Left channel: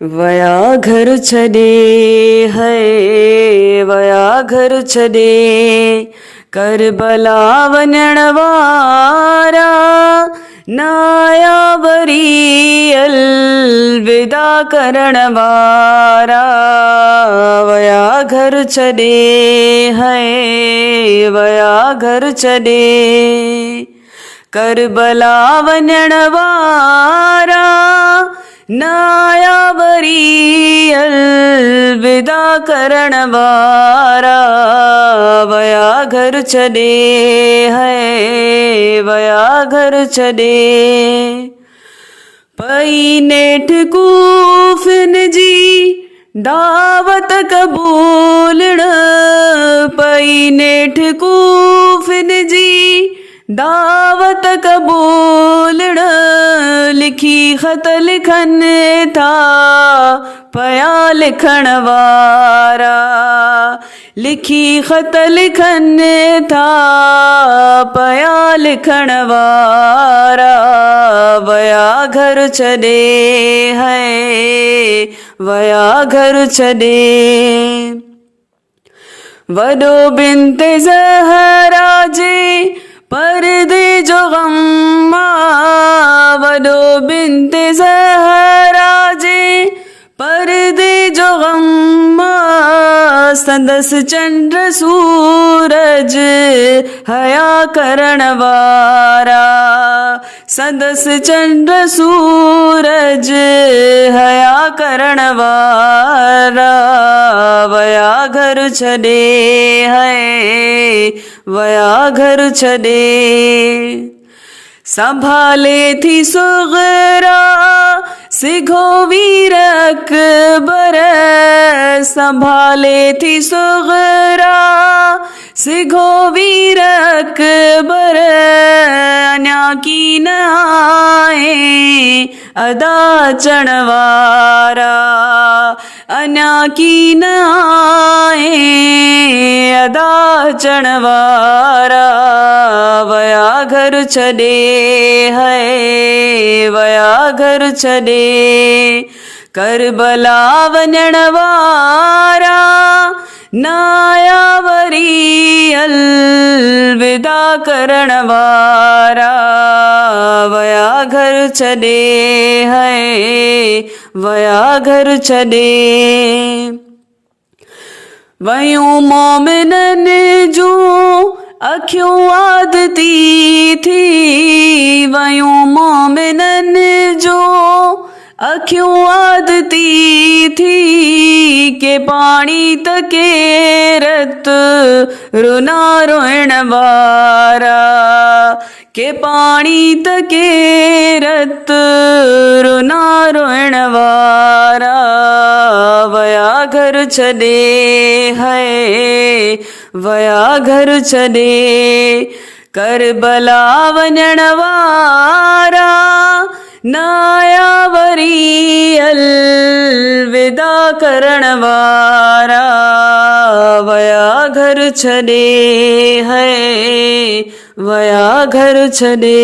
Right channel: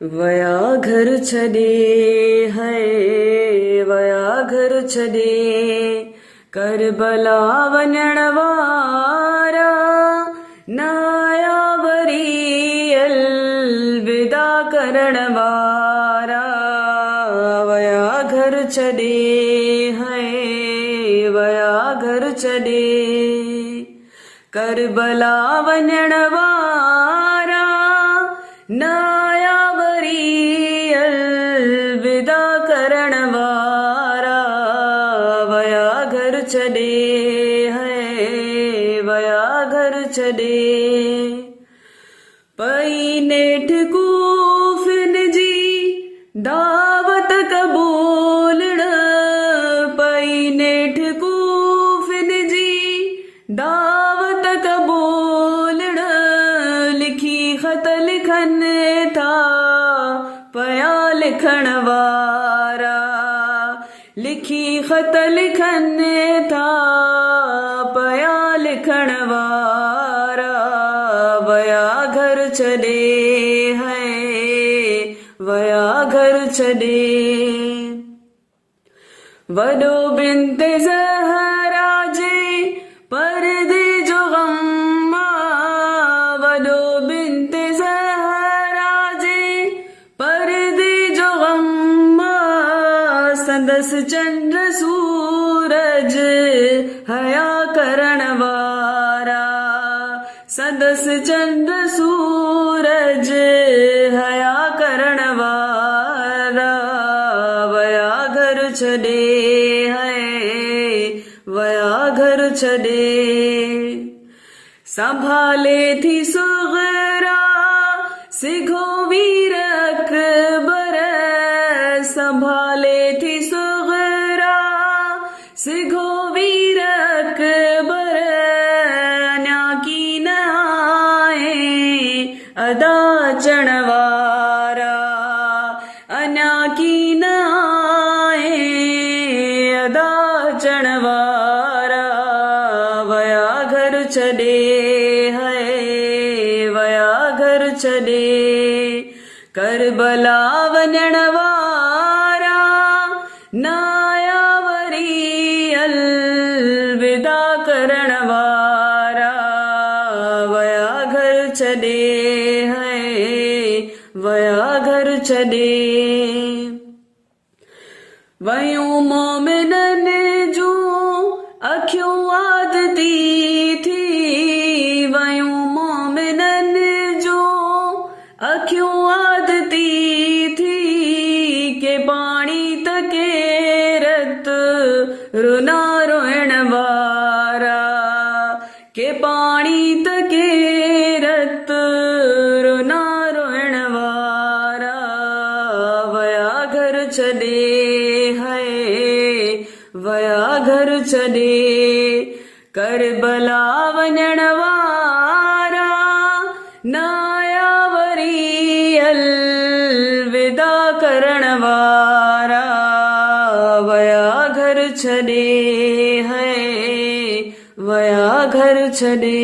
वया घर छॾे है वया घर छॾे करबला वञण वारा न आया वरी अलविदा करण वारा वया घर छॾे है वया घर छॾे करबला वञण वारा न आया वरी अलविदा करण वारा वया घर छॾे है वया घर छॾे पई नेठ कूफिन जी दावत क़बूलण पई नेठ कूफिन जी दावत क़बूलण लिखी ख़त लिखन था पया लिखण वारा लिखी ख़त लिखन था पया लिखण वारा वया घर छॾे है वया घर छॾे वॾो बिन्त ज़हरा जे पर्दे जो ग़म वॾो बिन्त ज़हरा जे पर्दे जो ग़म संदसि चंड सूरज हया करण वारा संदसि चंड सूरज हया करण वारा वया घर छॾे है वया घर छॾे संभाले थी सुग़रा सिघो वीर अकबर संभाले थी सुग़रा सिघो वीर अकबर अञा की न आए अदा अचण वारा अञा की न आए अदा अचण वारा वया घर छॾे है वया घर छॾे करबला वञण वारा न आया वरी अलविदा करण वारा वया घर छॾे है वया घर छॾे वयूं मोमिनन जूं अखियूं आदती थी वयूं मोमिनन जूं अखियूं आदती थी के पाणी त केरत रुना रोइण वारा के पाणी त केरत रुना रोइण वारा वया घर छॾे है वया घर छॾे करबला वञण वारा न आया वरी अलविदा करण वारा वया घर छॾे है वया घर छॾे